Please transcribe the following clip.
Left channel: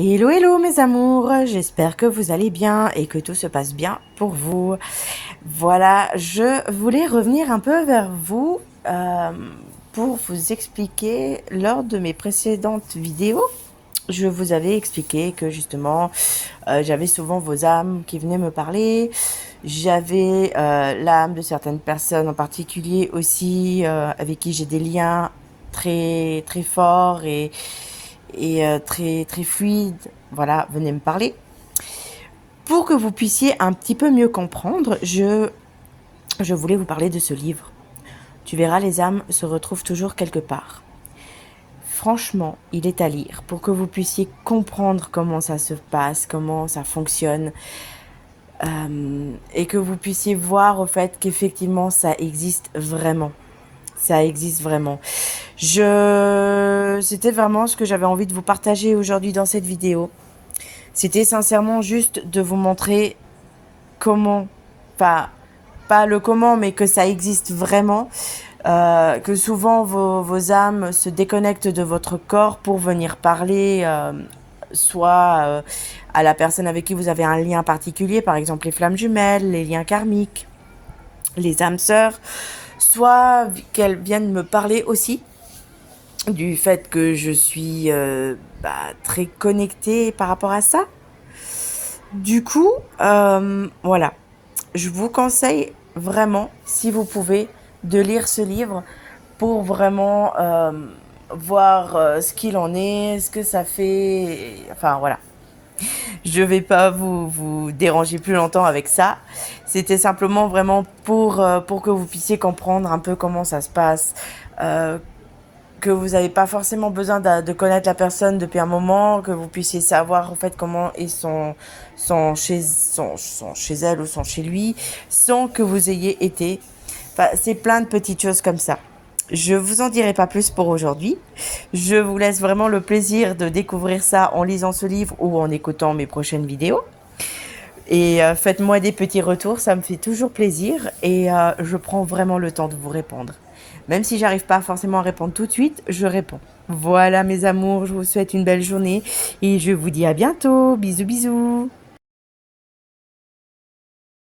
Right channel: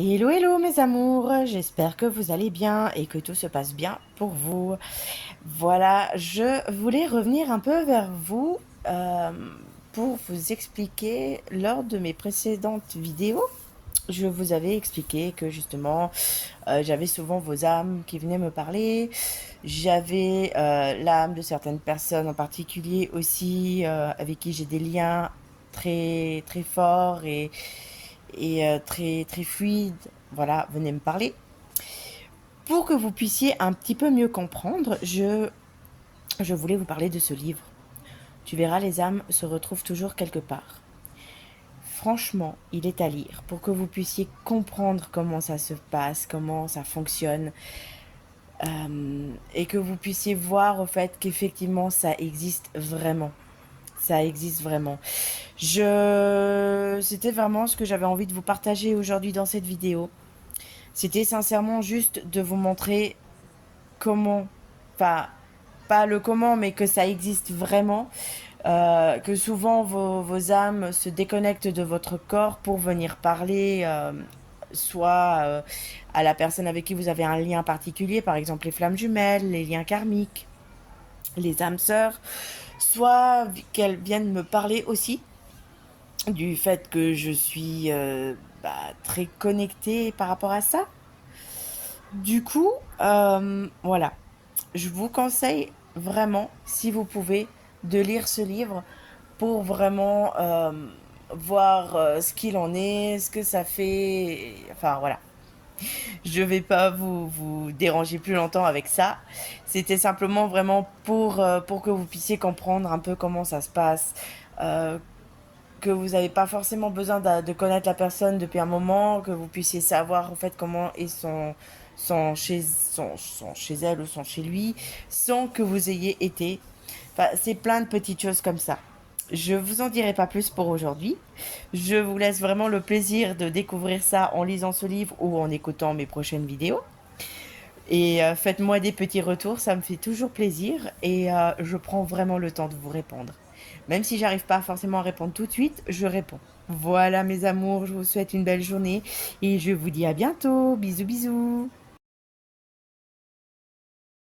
Hello, hello mes amours, j'espère que vous allez bien et que tout se passe bien pour vous. Voilà, je voulais revenir un peu vers vous pour vous expliquer lors de mes précédentes vidéos. Je vous avais expliqué que justement j'avais souvent vos âmes qui venaient me parler. J'avais l'âme de certaines personnes en particulier aussi avec qui j'ai des liens très très forts et très très fluide, voilà, venez me parler. Pour que vous puissiez un petit peu mieux comprendre, je voulais vous parler de ce livre. Tu verras, les âmes se retrouvent toujours quelque part. Franchement, il est à lire pour que vous puissiez comprendre comment ça se passe, comment ça fonctionne, et que vous puissiez voir au fait qu'effectivement ça existe vraiment. Ça existe vraiment. C'était vraiment ce que j'avais envie de vous partager aujourd'hui dans cette vidéo. C'était sincèrement juste de vous montrer comment, enfin, pas le comment, mais que ça existe vraiment, que souvent vos âmes se déconnectent de votre corps pour venir parler, soit à la personne avec qui vous avez un lien particulier, par exemple les flammes jumelles, les liens karmiques, les âmes sœurs, soit qu'elles viennent me parler aussi du fait que je suis très connectée par rapport à ça. Du coup, voilà, je vous conseille vraiment, si vous pouvez, de lire ce livre pour vraiment voir ce qu'il en est, ce que ça fait. Enfin, voilà. Je vais pas vous déranger plus longtemps avec ça. C'était simplement vraiment pour que vous puissiez comprendre un peu comment ça se passe. Que vous n'avez pas forcément besoin de connaître la personne depuis un moment, que vous puissiez savoir en fait comment ils sont chez elle ou sont chez lui, sans que vous ayez été. Enfin, c'est plein de petites choses comme ça. Je vous en dirai pas plus pour aujourd'hui. Je vous laisse vraiment le plaisir de découvrir ça en lisant ce livre ou en écoutant mes prochaines vidéos. Et faites-moi des petits retours, ça me fait toujours plaisir et je prends vraiment le temps de vous répondre. Même si j'arrive pas forcément à répondre tout de suite, je réponds. Voilà mes amours, je vous souhaite une belle journée et je vous dis à bientôt. Bisous bisous.